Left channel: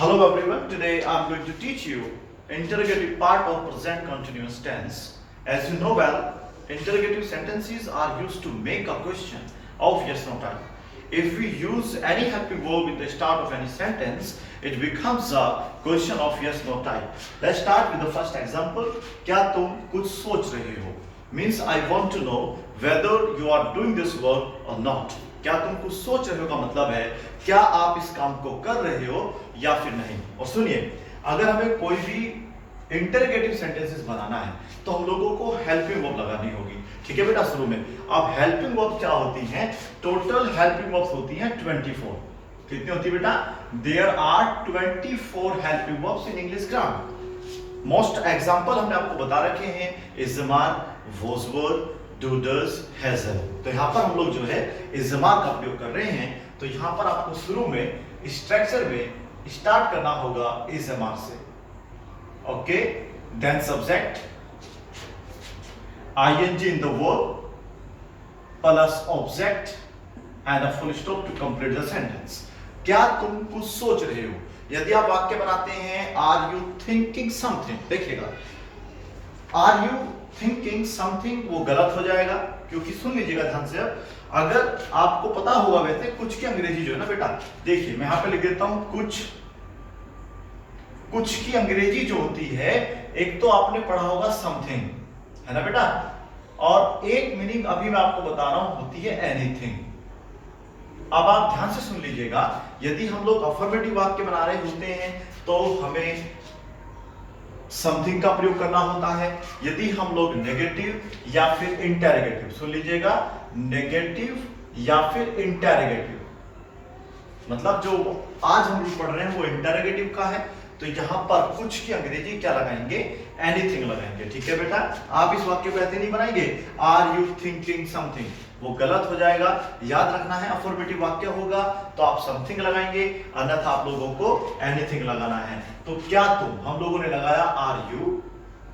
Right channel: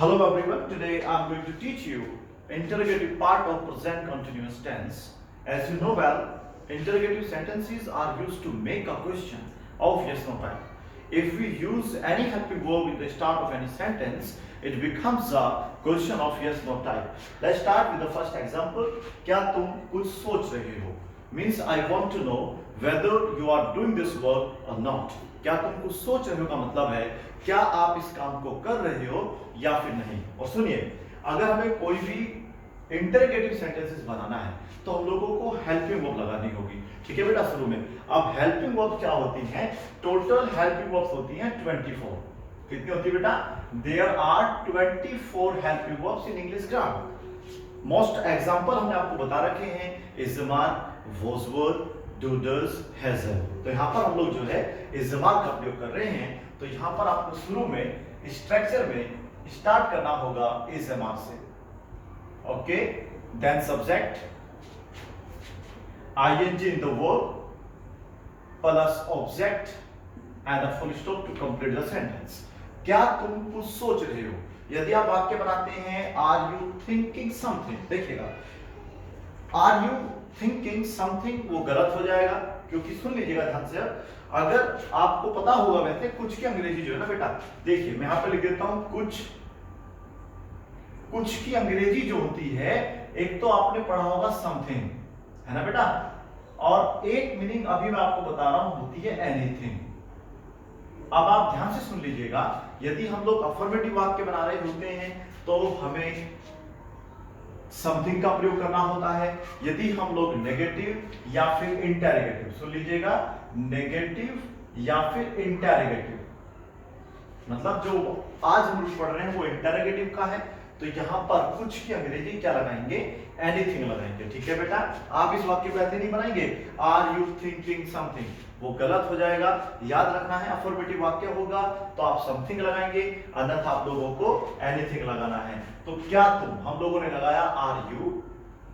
Hello everyone, today I'm going to teach you interrogative part of present continuous tense. As you know well, interrogative sentences are used to make a question of yes no type. If we use any helping verb in the start of any sentence, it becomes a question of yes no type. Let's start with the first example. क्या तुम कुछ सोच रहे हो? Means I want to know whether you are doing this work or not. क्या तुम कुछ सोच रहे हो का मतलब है क्या आप इस काम को कर रहे हो या फिर नहीं। और सुनिए, अगर हमें कोई भी इंटररोगेटिव सेंटेंसेस बनाना है तो हम लोगों को हेल्पिंग वर्ब लगानी होगी। ठीक है बेटा, शुरू में अब हेल्पिंग वर्ब क्या होती हैं? टोटल हेल्पिंग वर्ब्स होती हैं 24। कितनी होती है बेटा? There are 24 helping verbs in English grammar. Most example हमने आपको बता रखे हैं, इज़मार, वॉजवर्ड, डूडर्स, हेजल। तो यहाँ पर हम लोग जो है इज़मार का प्रयोग कर रहे हैं। तो यहाँ पर आपको शुरू में स्ट्रक्चर में स्टार्ट करना होगा इज़मार से। Okay, then subject, ing in the verb plus object and a full stop to complete the sentence. क्या तुम कुछ सोच रहे हो? यदि आप वाक्य बनाते हैं आर यू थिंकिंग समथिंग, देखिएगा आर यू थिंकिंग समथिंग वो गलत हो जाएगा, क्योंकि सुन लीजिएगा ध्यान से। अगर आपको पता होगा वैसे कुछ की अंग्रेजी जो है ना बेटा, देखिए मैं यहां पे लिख देता हूं कुछ। कुछ की अंग्रेजी जो होती है, एक तो आपने पढ़ा होगा समथिंग, है ना बेटा, और एक मीनिंग अभी मैं आपको बता रहा हूं होती है एनीथिंग। अब आप ध्यान से सुन लीजिएगा, यदि हम लोग अफर्मेटिव वाक्य बना रहे होते हैं तो हमें समथिंग का प्रयोग करना होता है। यदि हम लोग नेगेटिव या फिर इंटरोगेटिव, सुन लीजिएगा, नेगेटिव या फिर इंटरोगेटिव, मतलब जो आज हम लोग पढ़ रहे हैं वो इंटरोगेटिव का है, तो यहां पर कुछ की अंग्रेजी क्या लगाएंगे? एनीथिंग लगाएंगे। ठीक है बेटा, आप इस वाक्य को ऐसे नहीं बनाएंगे आर यू थिंकिंग समथिंग, वो गलत हो जाएगा। याद रखना है अफर्मेटिव वाक्य होगा तो आप समथिंग लगाएंगे, अन्यथा आप लोगों को एनीथिंग लगाना है। तो क्या तुम, हम लोगों ने लगाया आर यू।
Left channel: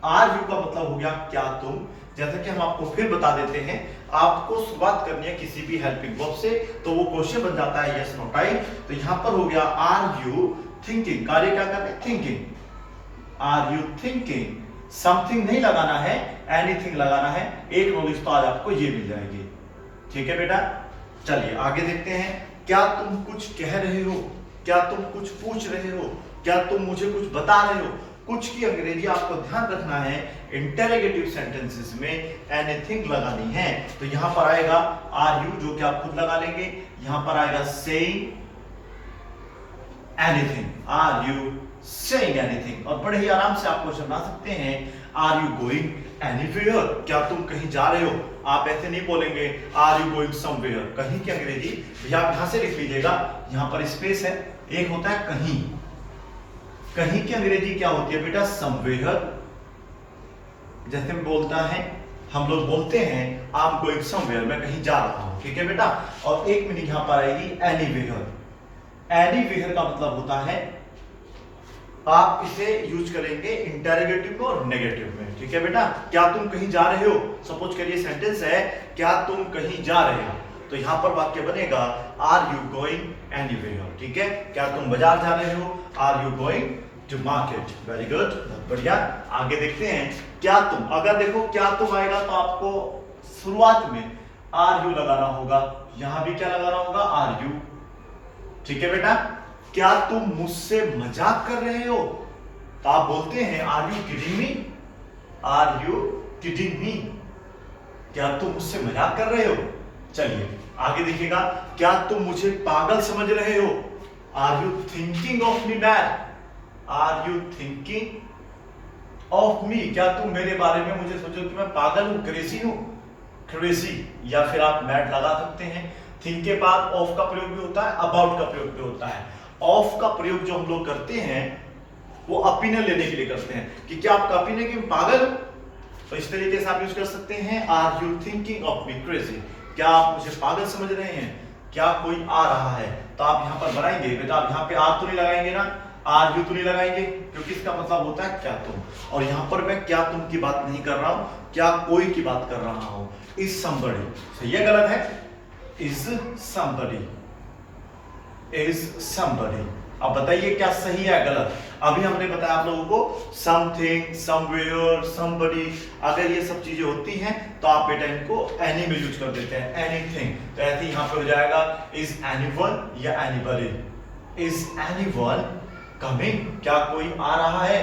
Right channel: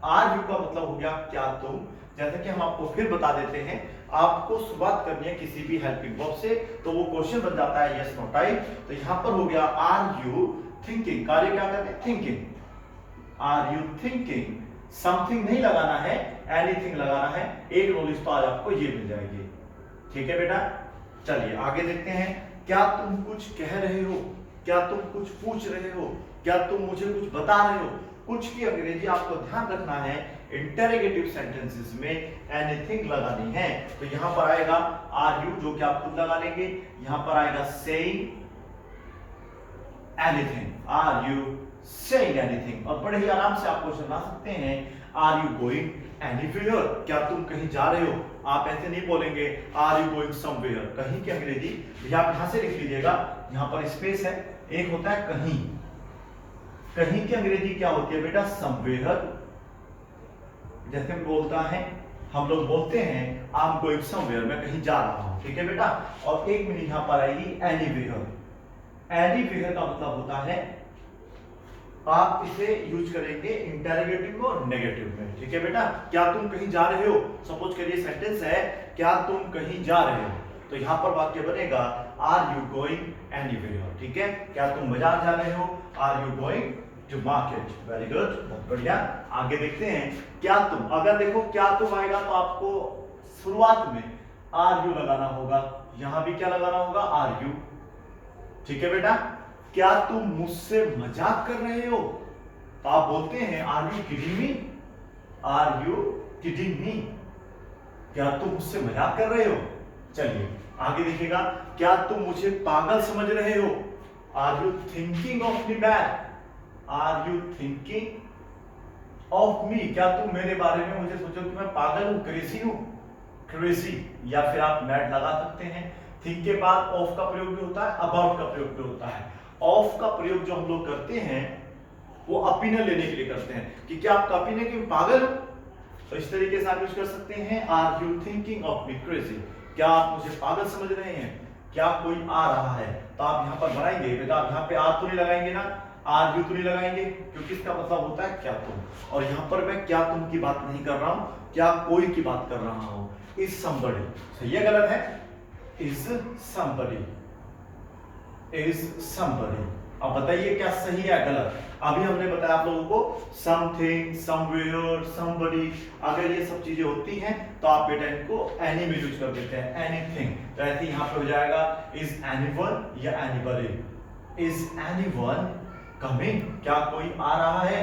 आर यू का मतलब हो गया क्या तुम। जैसा कि हम आपको फिर बता देते हैं, आपको शुरुआत करनी है किसी भी हेल्पिंग वर्ब से तो वो क्वेश्चन बन जाता है यस नो टाइप। तो यहां पर हो गया आर यू थिंकिंग, कार्य क्या कर रहे हैं? Thinking. Are you thinking something नहीं लगाना है, एनीथिंग लगाना है। एक नॉलेज तो आज आपको ये मिल जाएगी। ठीक है बेटा, चलिए आगे देखते हैं। क्या तुम कुछ कह रहे हो? क्या तुम कुछ पूछ रहे हो? क्या तुम मुझे कुछ बता रहे हो? कुछ की अंग्रेजी आपको ध्यान रखना है, इंटरोगेटिव सेंटेंसेस में एनीथिंग लगानी है। तो यहां पर आएगा आर यू, जो कि आप खुद लगा लेंगे। यहां पर आएगा saying anything, are you saying anything. और बड़े ही आराम से आप क्वेश्चन बना सकते हैं, आर यू गोइंग एनीवेयर? क्या तुम कहीं जा रहे हो? आप ऐसे नहीं बोलेंगे आर यू गोइंग समवेयर। कहीं की अंग्रेजी भैया आप यहां से लिख लीजिएगा, यहां पर स्पेस है, एक होता है कहीं। कहीं की अंग्रेजी क्या होती है बेटा? समवेयर। जैसे बोलता है, हम लोग बोलते हैं आई एम गोइंग समवेयर, मैं कहीं जा रहा हूं। ठीक है बेटा, और एक मीनिंग यहां पर आएगी एनीवेयर। एनीवेयर का मतलब होता है, आप इसे यूज करेंगे इंटरोगेटिव में और नेगेटिव में। ठीक है बेटा, क्या तुम कहीं जा रहे हो? सपोज करिए सेंटेंस है क्या तुम कहीं जा रहे हो, तो यहां पर वाक्य बनेगा आर यू गोइंग एनीवेयर। ठीक है, क्या तुम बाजार जा रहे हो? Are you going to market. Very good, बहुत बढ़िया। आगे देखते हैं, क्या तुम, अगर देखो क्या तुम आएगा तो आपको शुरुआत में आर यू लगाना होगा, यहां भी क्या लगाना होगा? Are you. ठीक है बेटा, क्या तुम मुझसे मजाक कर रहे हो? तो आप बोलते हैं are you kidding me? Are you kidding me? क्या तुम मुझसे मजाक कर रहे हो? चलिए आगे देखिएगा, क्या तुम मुझे पागल समझ रहे हो? Are you thinking of me mad? Are you thinking of me? क्या तुम मेरे बारे में मुझे सोचो कि मैं पागल हूं, क्रेजी हूं? क्रेजी, या फिर आप मैड लगा सकते हैं। थिंक के बाद ऑफ का प्रयोग भी होता है, अबाउट का प्रयोग भी होता है। ऑफ का प्रयोग जो हम लोग करते हैं वो ओपिनियन लेने के लिए करते हैं कि क्या आपका ओपिनियन कि पागल हो, तो इस तरीके से आप यूज कर सकते हैं are you thinking of me crazy? क्या आप मुझे पागल समझ रहे हैं? क्या कोई आ रहा है? तो आप यहां पर बनाएंगे बेटा, आप यहां पे आर तो नहीं लगाएंगे ना, आर यू तो नहीं लगाएंगे, क्योंकि इसका मतलब होता है क्या तुम। और यहां पर मैं क्या तुम की बात नहीं कर रहा हूं, क्या कोई की बात कर रहा हूं। इज समबडी, सही है गलत है? Is somebody, is somebody। अब बताइए क्या सही है गलत। अभी हमने बताया आप लोगों को समथिंग, समवेयर, समबडी, अगर ये सब चीजें होती हैं तो आप बेटा इनको एनी में यूज कर देते हैं, एनीथिंग। तो ऐसे यहां पे हो जाएगा इज एनीवन या एनीबडी। इज एनीवन कमिंग, क्या कोई आ रहा है,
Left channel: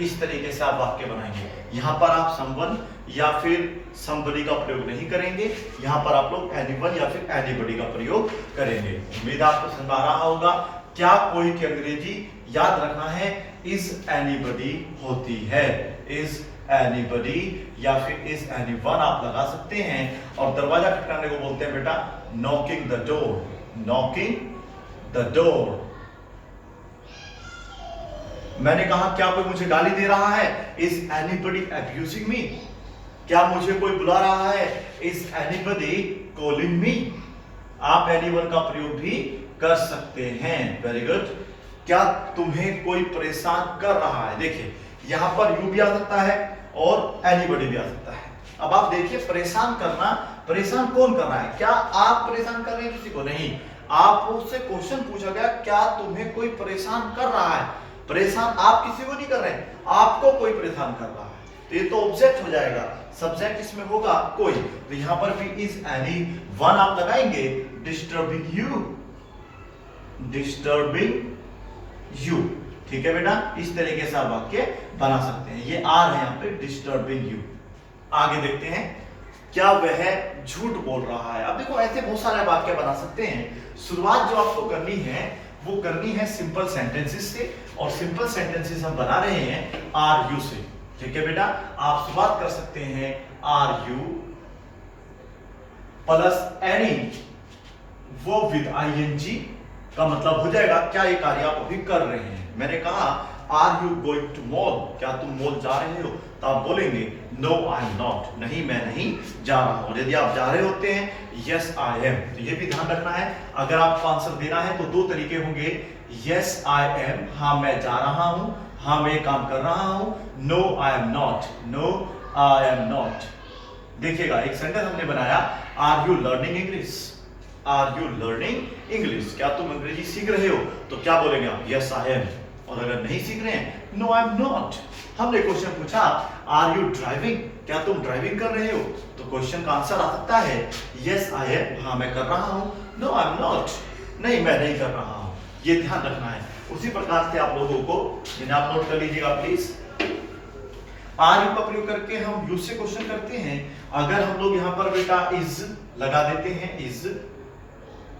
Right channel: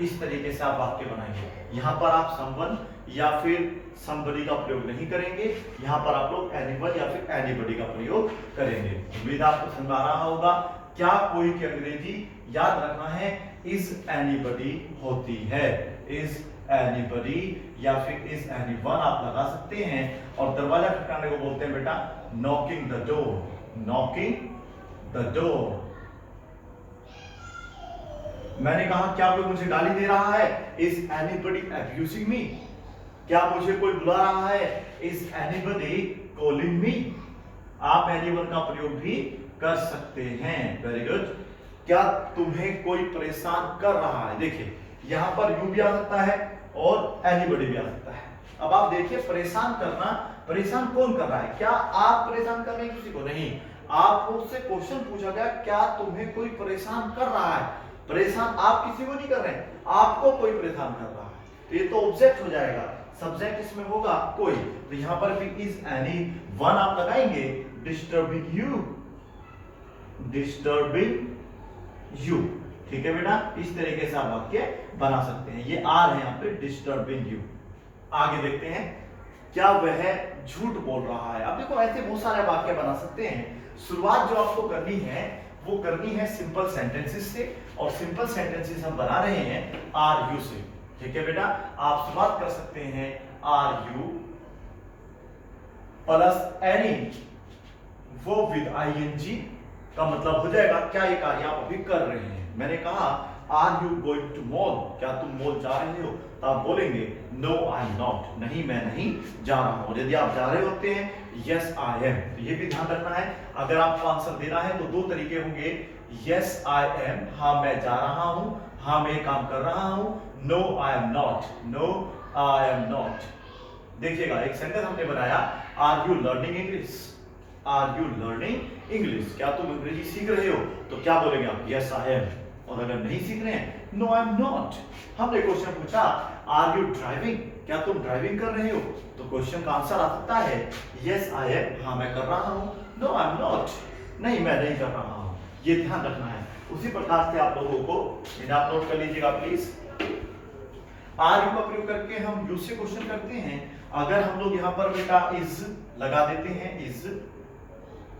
इस तरीके से आप वाक्य बनाएंगे। यहां पर आप समवन या फिर समबडी का प्रयोग नहीं करेंगे, यहां पर आप लोग एनीवन या फिर एनीबडी का प्रयोग करेंगे। उम्मीद आपको समझ आ रहा होगा। क्या कोई की अंग्रेजी याद रखना है, इज एनीबडी होती है, इज एनीबडी या फिर इज एनीवन आप लगा सकते हैं। और दरवाजा खटखटाने को बोलते हैं बेटा knocking the door, knocking the door. मैंने कहा क्या कोई मुझे गाली दे रहा है, इज एनीबडी अब्यूजिंग मी, क्या मुझे कोई बुला रहा है, इज एनीबडी कॉलिंग मी। आप एनीवन का प्रयोग भी कर सकते हैं। Very good. क्या तुम्हें कोई परेशान कर रहा है, देखिए यहां पर यू भी आ सकता है और एनीबडी भी आ सकता है। अब आप देखिए परेशान करना, परेशान कौन कर रहा है, क्या आप परेशान कर रहे हैं किसी को, नहीं। आपसे क्वेश्चन पूछा गया क्या तुम्हें कोई परेशान कर रहा है, परेशान आप किसी को नहीं कर रहे हैं, आपको कोई परेशान कर रहा है, तो ये तो ऑब्जेक्ट हो जाएगा, सब्जेक्ट इसमें होगा कोई। तो यहां पर भी इज एनी वन आप लगाएंगे, डिस्टर्बिंग यू, डिस्टर्बिंग यू। ठीक है बेटा, इस तरीके से आप वाक्य बना सकते हैं। ये आर है यहां पे, डिस्टर्बिंग यू। आगे देखते हैं, क्या वह झूठ बोल रहा है। अब देखो ऐसे बहुत सारे वाक्य बना सकते हैं। शुरुआत जो आपको करनी है वो करनी है सिंपल सेंटेंसेस से, और सिंपल सेंटेंसेस हम बना रहे हैं आर यू से। ठीक है बेटा, आप शुरुआत कर सकते हैं आर यू प्लस एनी, वो विद आईएनजी का मतलब हो जाएगा क्या ये कार्य आप अभी कर रहे हैं। मैंने कहा are you going to mall, क्या तुम मॉल जा रहे हो, तो आप बोलेंगे नो आई एम नॉट, नहीं मैं नहीं जा रहा हूं। यदि आप जा रहे होते हैं यस आई एम, तो ये भी ध्यान रखना है। अगर आपको आंसर देना है तो दो तरीके होंगे, यस आई एम, हाँ मैं जा रहा हूं, हाँ मैं काम कर रहा हूं, no I am not, no I am not. देखिएगा एक सेंटेंस हमने बनाया, are you learning English, are you learning English, क्या तुम अंग्रेजी सीख रहे हो, तो क्या बोलेंगे आप, यस आई एम। और अगर नहीं सीख रहे हैं, नो आई एम नॉट। हमने क्वेश्चन पूछा आर यू ड्राइविंग, क्या तुम ड्राइविंग कर रहे हो, तो क्वेश्चन का आंसर आ सकता है यस आई एम, हाँ मैं कर रहा हूं, नो आई एम नॉट, नहीं मैं नहीं कर रहा हूं। ये ध्यान रखना है। उसी प्रकार से आप लोगों को, इन्हें आप नोट कर लीजिएगा प्लीज। आर यू का प्रयोग करके हम यू से क्वेश्चन करते हैं। अगर हम लोग यहाँ पर बेटा इज लगा देते हैं, इज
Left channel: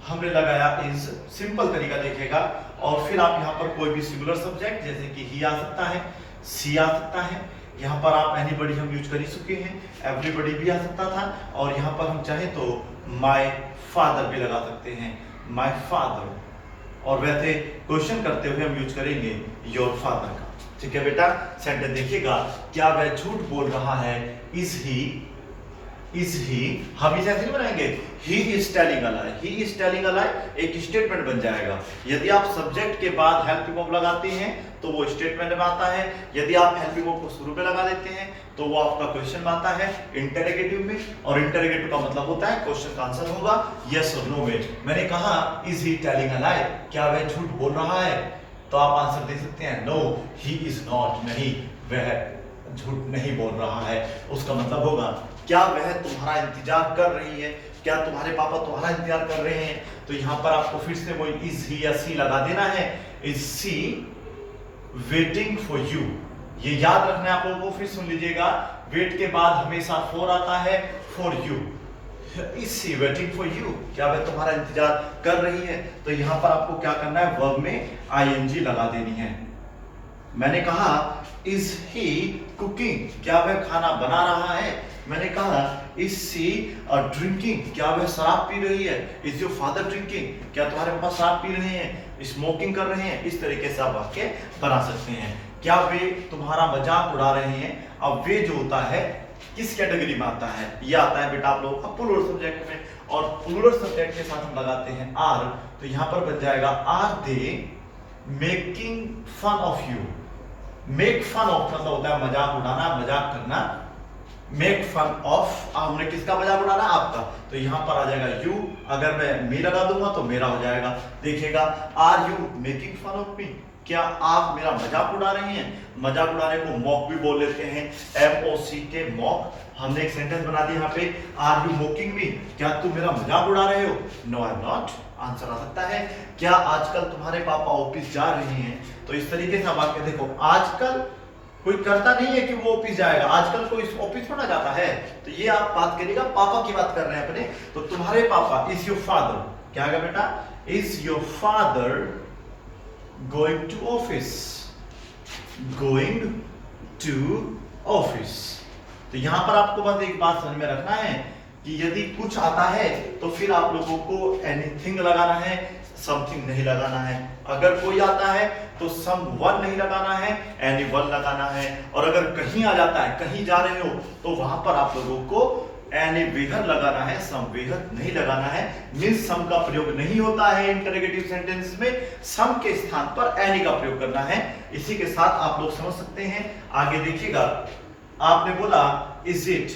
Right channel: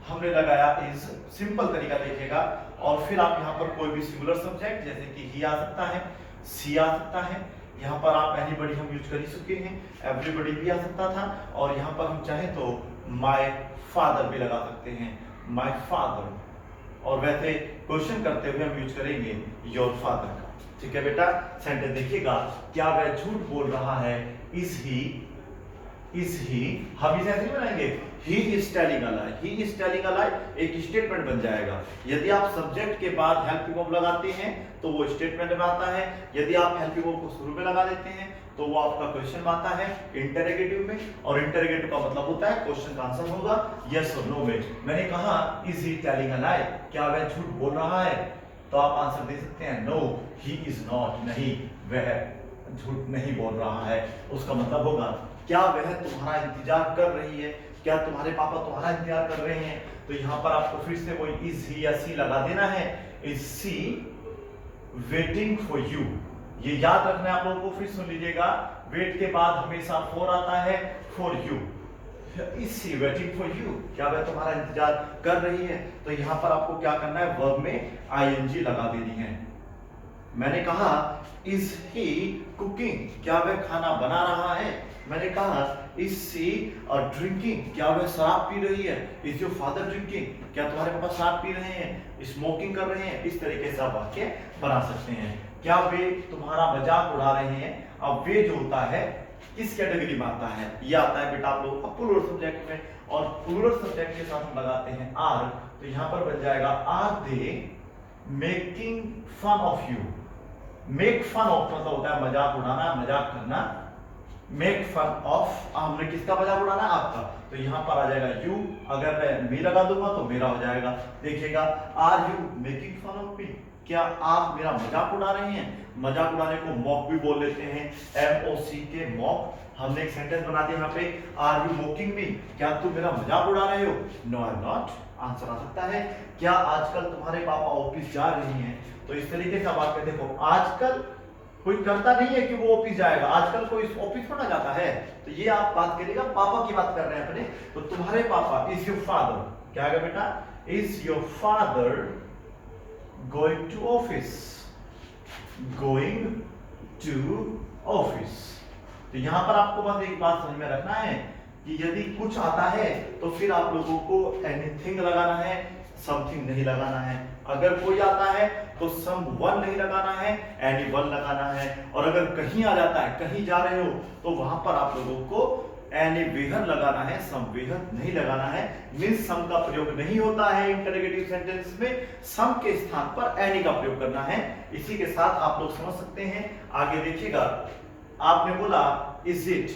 हमने लगाया इज, सिंपल तरीका देखेगा। और फिर आप यहाँ पर कोई भी सिंगुलर सब्जेक्ट जैसे कि ही आ सकता है, सी आ सकता है, यहाँ पर आप एनीबडी हम यूज कर ही चुके हैं, एवरीबडी भी आ सकता था, और यहाँ पर हम चाहे तो माय फादर भी लगा सकते हैं, माय फादर। और वैसे क्वेश्चन करते हुए हम यूज करेंगे योर फादर का। ठीक है बेटा, सेंटेंस देखिएगा, क्या वह झूठ बोल रहा है, इज ही, इज ही, हम इसे ऐसे नहीं बनाएंगे he is telling a lie, he is telling a lie एक स्टेटमेंट बन जाएगा। यदि आप सब्जेक्ट के बाद हेल्पिंग वर्ब लगाते हैं तो वो स्टेटमेंट बनाता है, यदि आप हेल्पिंग वर्ब को शुरू में लगा देते हैं तो वो आपका क्वेश्चन बनाता है इंटरोगेटिव में, और इंटरोगेटिव का मतलब होता है क्वेश्चन का आंसर होगा यस और नो में। मैंने कहा इज ही टेलिंग अ लाई, क्या वह झूठ बोल रहा है, तो आप आंसर दे सकते हैं नो ही इज नॉट, नहीं वह झूठ नहीं बोल रहा है। उसका मतलब होगा क्या वह तुम्हारा इंतजार कर रही है, क्या तुम्हारे पापा तुम्हारा इंतजार कर रहे हैं, तो यहां पर आपको फिर से वो इज ही या सी लगा देना है, is she waiting for you. ये याद रखना है आप लोगों को, फिर सुन लीजिएगा, वेट के बाद हमेशा फॉर आता है, for you, is she waiting for you, क्या वह तुम्हारा इंतजार कर रही है। तो यहां पर आपको क्या करना है, वर्ब में आईएनजी लगा देनी है। मैंने कहा इज ही कुकिंग, क्या वह खाना बना रहा है, मैंने कहा इज सी ड्रिंकिंग, क्या वह शराब पी रही है, इज योर फादर ड्रिंकिंग, क्या तुम्हारे पापा शराब पी रहे हैं, स्मोकिंग कर रहे हैं। इस तरीके से आप वाक्य बना सकते हैं। क्या वे तुम्हारा मजाक उड़ा रहे हैं। अब वे जो होता है किस कैटेगरी में आता है, ये आता है बेटा आप लोगों का प्लूरल सब्जेक्ट में, और प्लूरल सब्जेक्ट के साथ हम लगाते हैं आर, तो यहां पर बन जाएगा are they making fun of you. Make fun of मतलब होता है मजाक उड़ाना, मजाक करना, मेक फन ऑफ, हमने किसका मजाक उड़ाना है? आपका। तो यहाँ पर आ जाएगा यू, अगर मैं मी लगा दूंगा तो मेरा हो जाएगा। देखिएगा, are you making fun of me, क्या आप मेरा मजाक उड़ा रही हैं? मजाक उड़ाने को मॉक भी बोल लेते हैं, MOCK मॉक। हमने एक सेंटेंस बना दिया यहाँ पे, आर यू मोकिंग मी, क्या तुम मेरा मजाक उड़ा रहे हो? No I am not. Answer आ सकता है, क्या आजकल तुम्हारे पापा ऑफिस जा रहे हैं? तो इस तरीके से आप आके देखो, आजकल कोई करता नहीं है कि वो ऑफिस जाएगा, आजकल कोई ऑफिस पढ़ा जाता है। तो ये आप बात करिएगा, पापा की बात कर रहे हैं अपने। तो तुम्हारे पापा, इज योर फादर, क्या है बेटा? Is your father going to office, going to office. तो यहां पर आपको बस एक बात समझ में रखना है कि यदि कुछ आता है तो फिर आप लोगों को एनीथिंग लगाना है, समथिंग नहीं लगाना है। अगर कोई आता है तो समवन नहीं लगाना है, एनीवन लगाना है। और अगर कहीं आ जाता है, कहीं जा रहे हो, तो वहां पर आप लोगों को एनीवेयर लगाना है, समवेयर नहीं लगाना है। मींस सम का प्रयोग नहीं होता है इंटरोगेटिव सेंटेंस में, सम के स्थान पर एनी का प्रयोग करना है। इसी के साथ आप लोग समझ सकते हैं। आगे देखिएगा, आपने बोला इज इट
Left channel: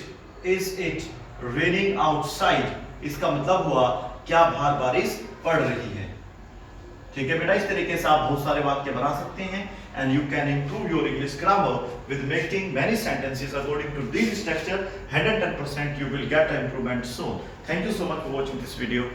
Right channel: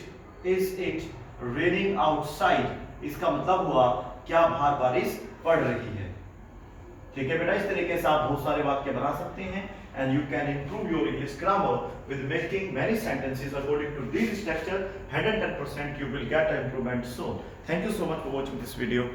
रेनिंग आउटसाइड, इसका मतलब हुआ क्या बाहर बारिश पड़ रही है। ठीक है बेटा, इस तरीके से आप बहुत सारे वाक्य बना सकते हैं। And you can improve your English grammar with making many sentences according to this structure. 110% you will get an improvement soon. Thank you so much for watching this video.